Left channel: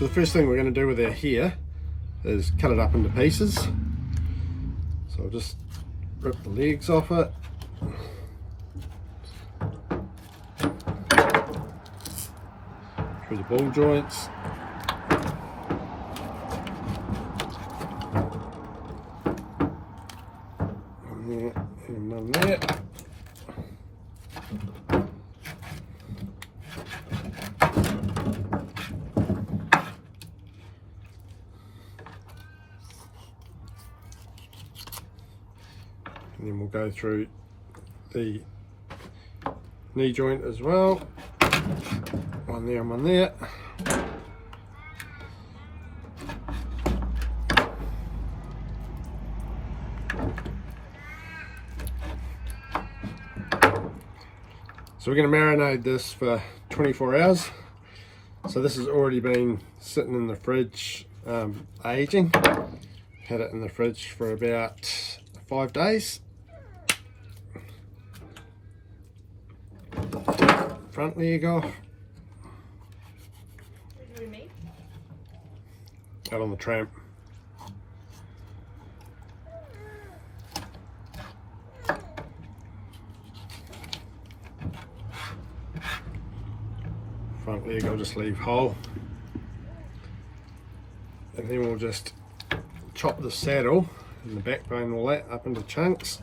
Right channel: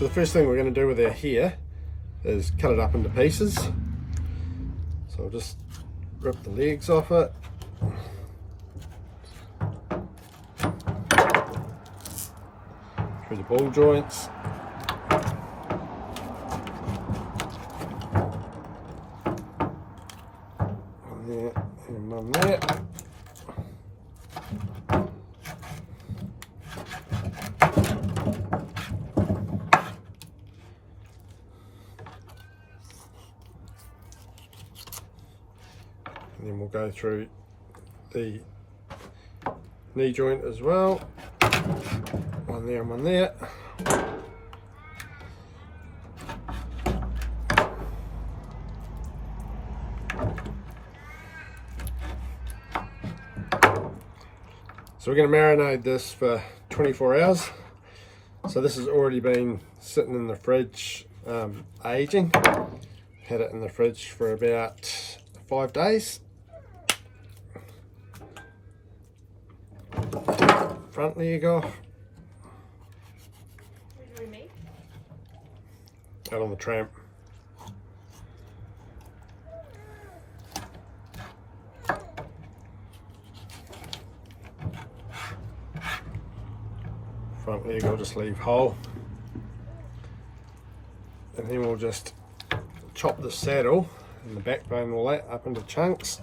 So the first thing we're going to do with our hare is cut it up into pieces. So I'll just rip the legs off it. Through the ball joints. One there and one there. And then we'll go through the knee joint as well. One there and one there. So we're going to marinate this for 24 hours. So this has already been sitting in the fridge aging. Had it in the fridge for about 5 days. Front leg off. Out on the tramp. Front leg I'll just leave whole. And then we'll just chop the saddle and the backbone and all that up into chunks.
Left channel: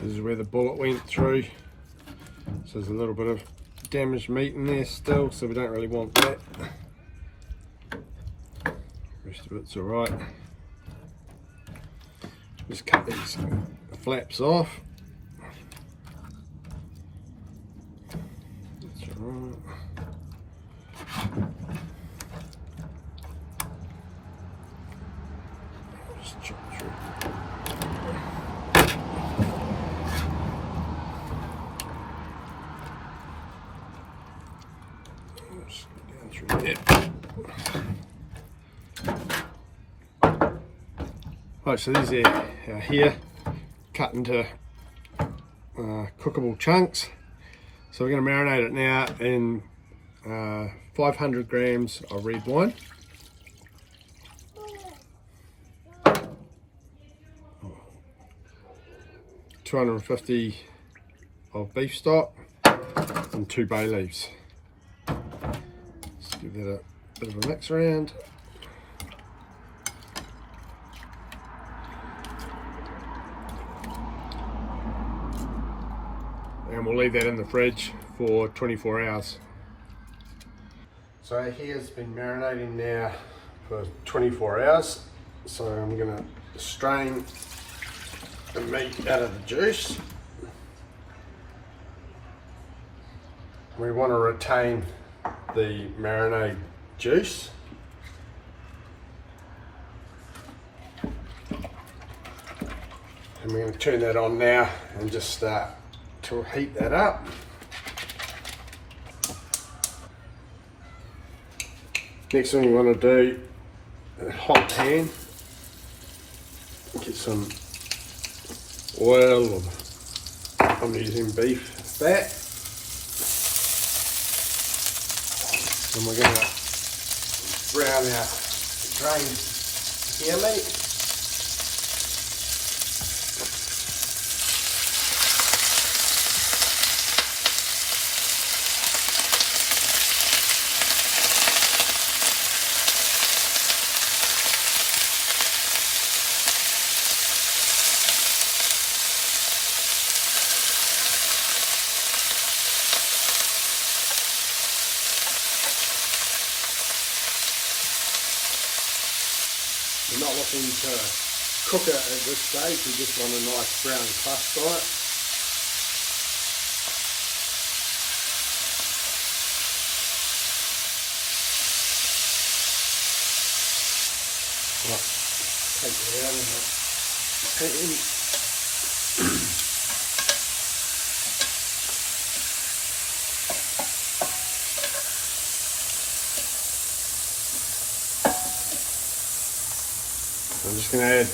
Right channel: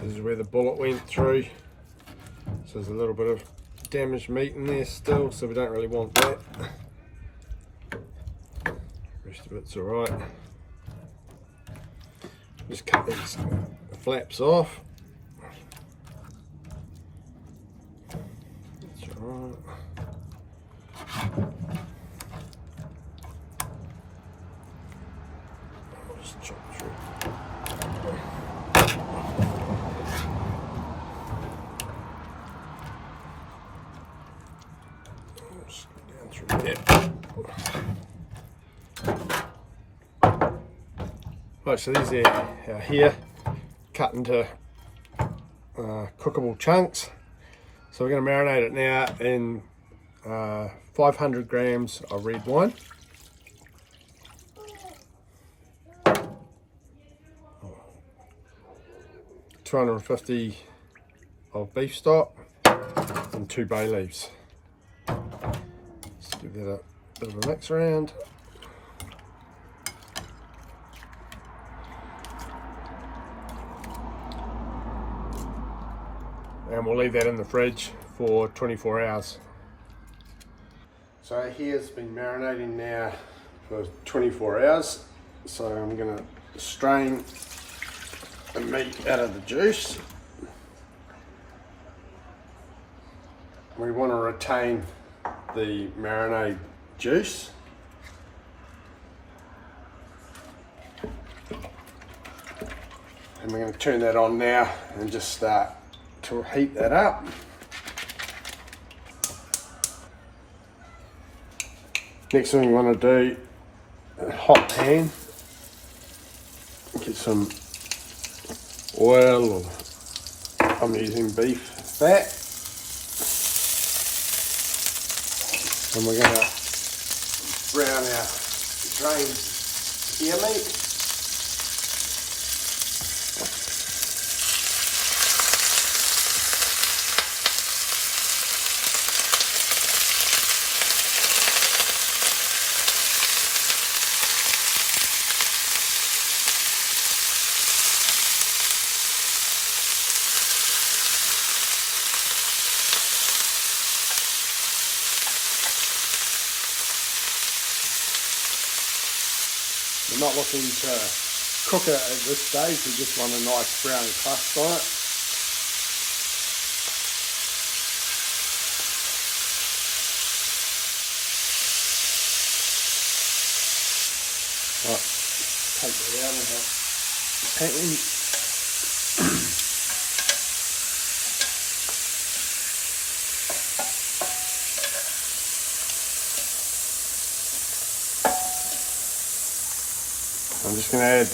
This is where the bullet went through, so there's a little bit of damaged meat in there still, so we don't really want that. The rest of it's alright. Just cut these flaps off. That's alright. Just chop through. Down through there. Right, so these are our hare cut into cookable chunks. So we're going to marinate it now in 500 grams of red wine. 250 of beef stock and 2 bay leaves. Let's give that a bit of a mix around. And we'll leave that in the fridge for 24 hours. So our hare's been marinating now for 24 hours. So I'm going to strain the meat out of the juice. We want to retain the marinade juice. And we're going to turn that on now and just start to heat that up. Next thing you want to do, a hot pan, get some oil, or I'm using beef fat, and we're going to brown our drained hare meat. We're not looking to cook it at this stage, we just want a nice brown crust on it. Right, take it out of the packing. I'm just going to add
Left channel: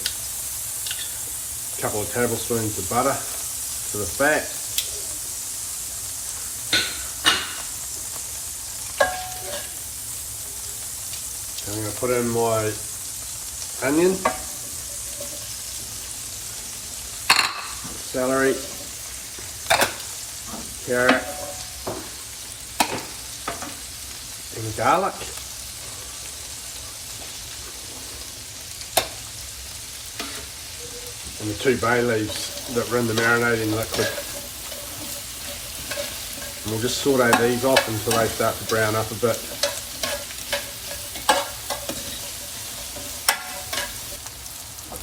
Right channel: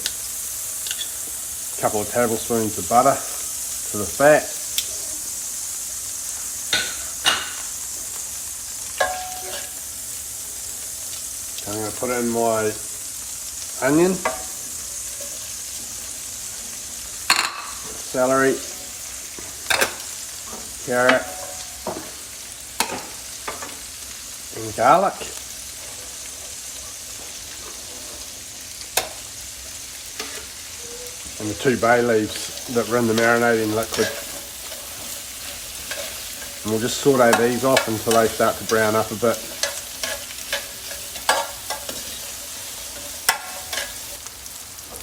a couple of tablespoons of butter to the fat. I'm going to put in my onion, celery, carrot, and garlic. And the 2 bay leaves that were in the marinating liquid. And we'll just saute these off until they start to brown up a bit.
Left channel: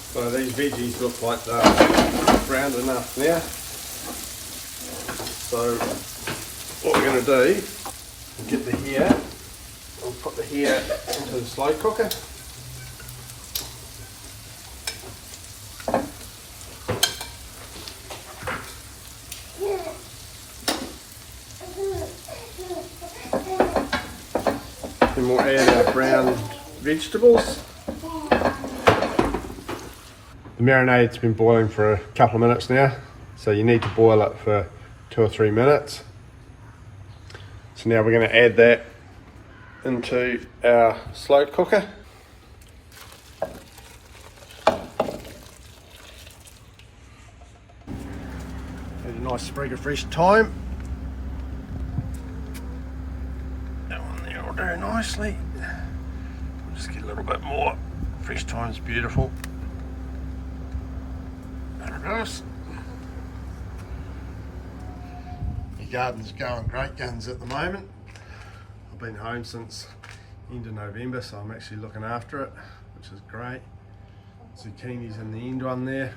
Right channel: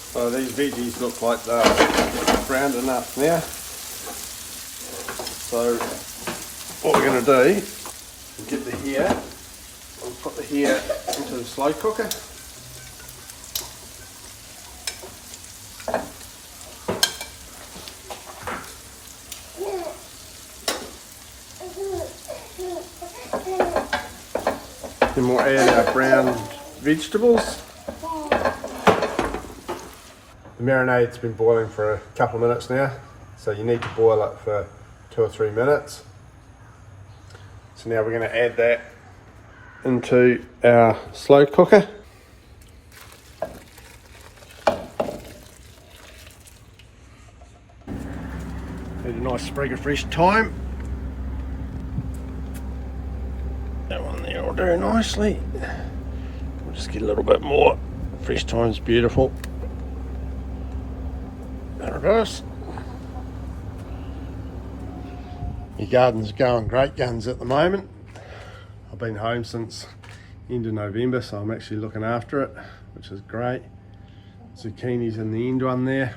So these veggies look like they're browned enough now. So what we're going to do is get the hare, we'll put the hare into the slow cooker. Then we'll add our brown vegetables. The marinade's been boiling for a couple of minutes now, so you need to boil it for 2 or 3 minutes. So now we're going to add that into our slow cooker. Add a nice sprig of fresh thyme. That one there will do nicely. We'll just get a little bit more. Fresh thyme's beautiful. There it is. My garden's going great guns at the moment. I've been home since end of November, so I'm actually looking after it, which is great. Zucchini's in the end one there.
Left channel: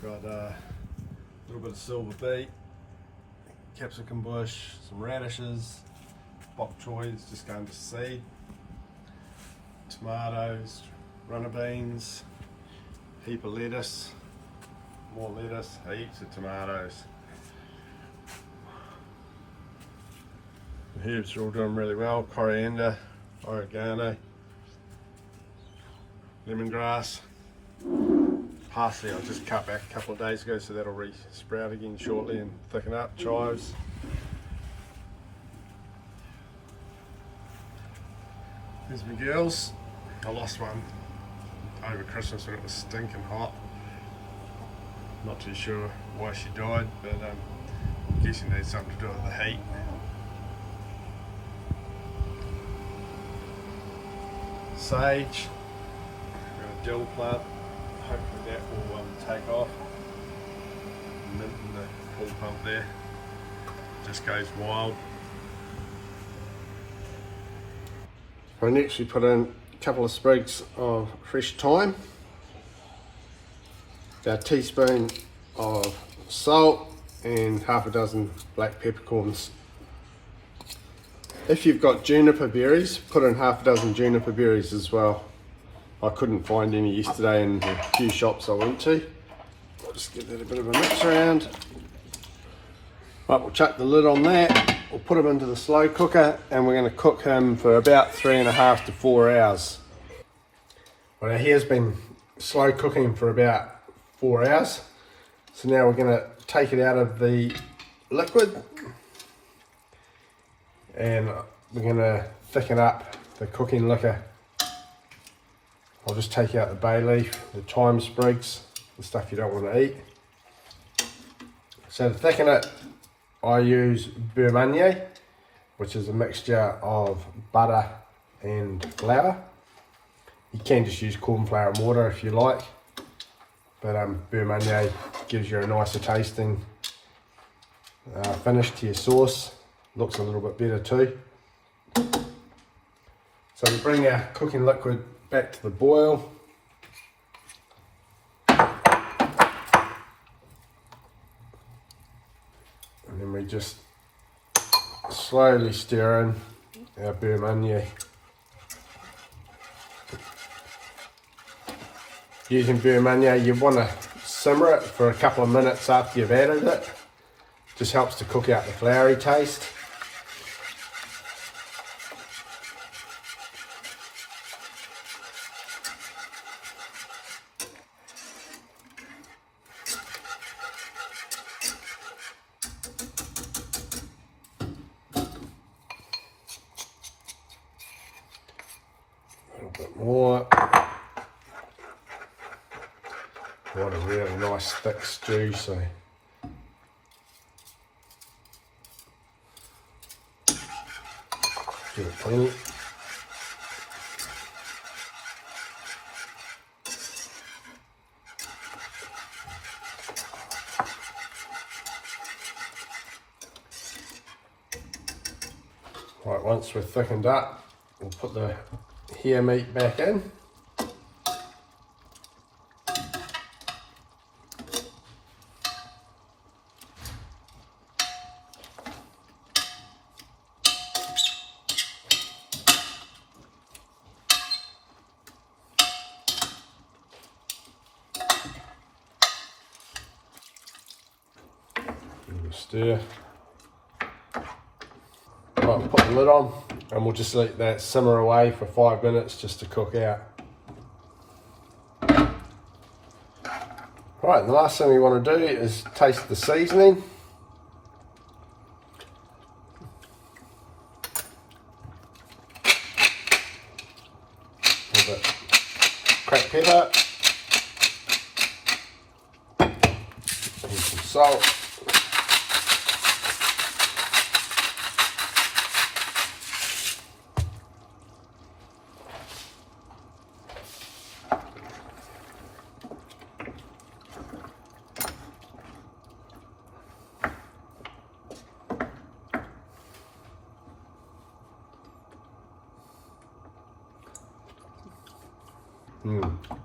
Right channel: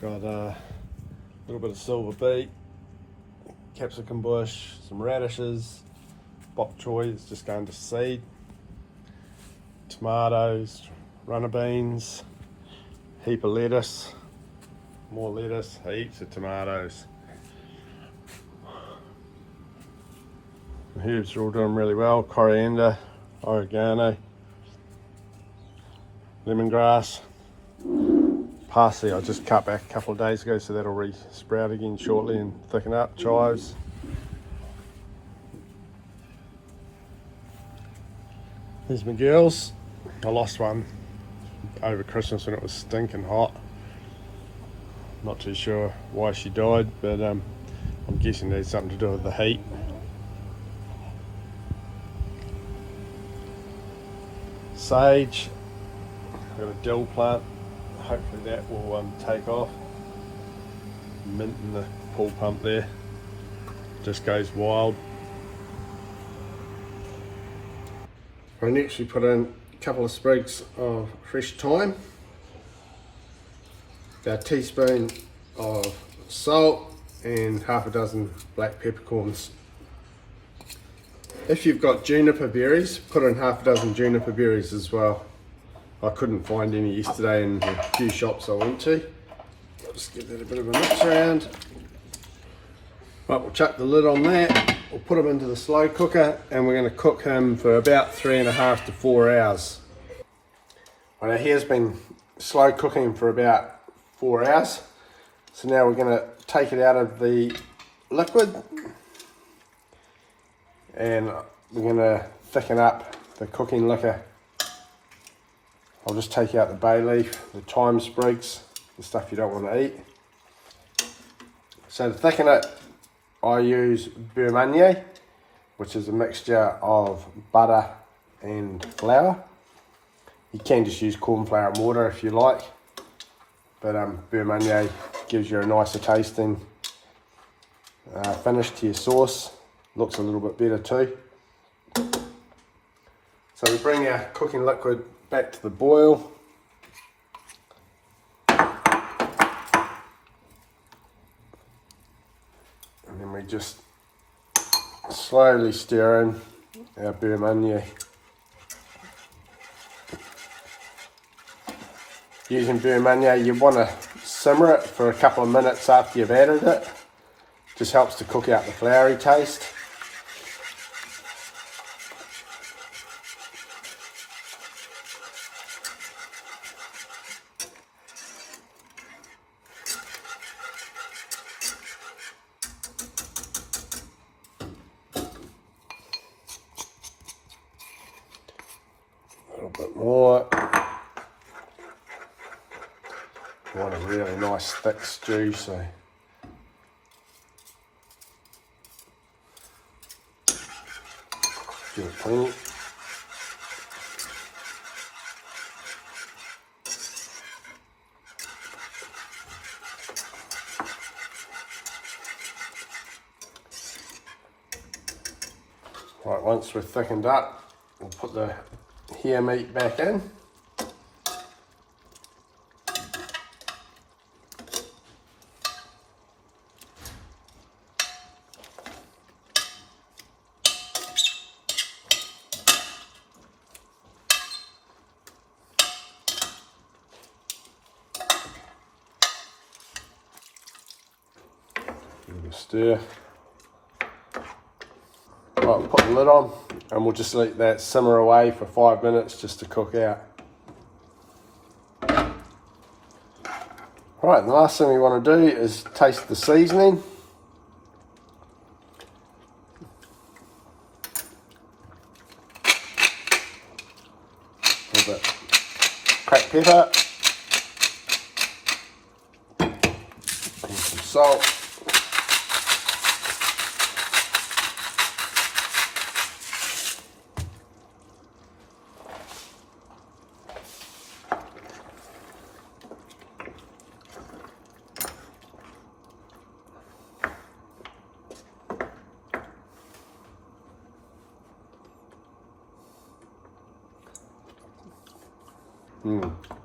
Got a little bit of silver beet, capsicum bush, some radishes, bok choy is just going to seed, tomatoes, runner beans, heap of lettuce, more lettuce, heaps of tomatoes. The herbs are all doing really well. Coriander, oregano, lemongrass, parsley I just cut back a couple of days ago, so that'll re-sprout again shortly and thicken up. Chives. There's my girls. I lost one over Christmas when it was stinking hot. Not too sure why she died, but I'm guessing there's something to do with the heat. Sage, got a dill plant, hopefully that will take off. Mint in the pool pump there, just goes wild. I next we put in a couple of sprigs of fresh thyme, about a teaspoon of salt and half a dozen black peppercorns. If you've got juniper berries, put in half a dozen juniper berries as well. I couldn't find any yesterday in the few shops I went to. I'll just give that a bit of a mix around. Right, we'll chuck the lid on that. We'll put him into the slow cooker and we're going to cook him for about 3.5 to 4 hours. Well, now here's been slow cooking for about 4 hours. So now we're going to take it out of the liquid and we're going to thicken up the cooking liquor. I'll just take out the bay leaf, the thyme sprigs, the stuff you don't want to eat. So to thicken it, I use beurre manier, which is a mixture of butter and flour. You can just use corn flour and water if you like, but beurre manier gives you a nicer tasting finish to your sauce. Looks a little bit better too. So we bring our cooking liquid back to the boil. And then we just slowly stir in our Birmania. Using Birmania, you want to simmer it for a couple of minutes after you've added it. Just helps to cook out the floury taste. A little bit more. I want a really nice thick stew, so give it plenty. Right, once we're thickened up, we'll put the hare meat back in. Stir. Right, put the lid on and we'll just let that simmer away for 5 minutes just to cook out. Right, the last thing we want to do is taste the seasoning. A little bit cracked pepper and some salt.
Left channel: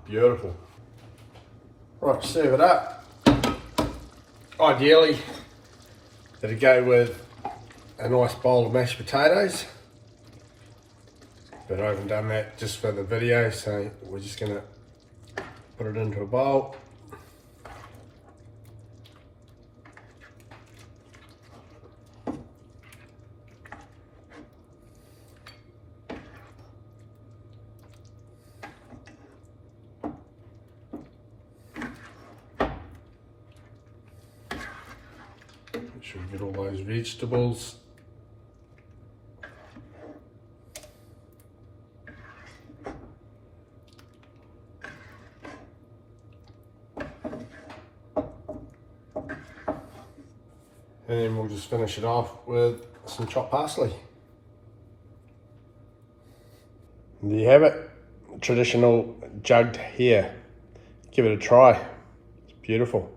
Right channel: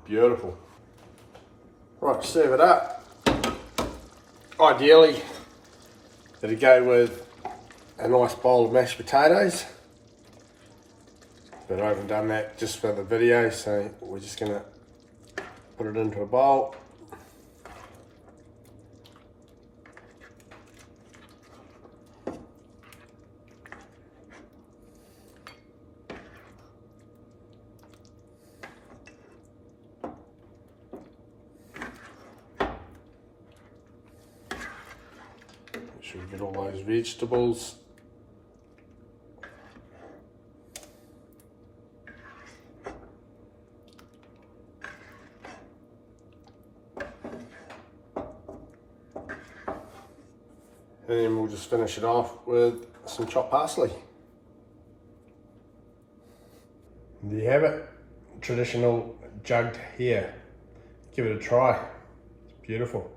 Beautiful. Right, serve it up. Ideally, it'd go with a nice bowl of mashed potatoes. But I haven't done that just for the video, so we're just gonna put it into a bowl. Make sure you get all those vegetables. And then we'll just finish it off with some chopped parsley. And there you have it, traditional jugged hare. Give it a try, it's beautiful.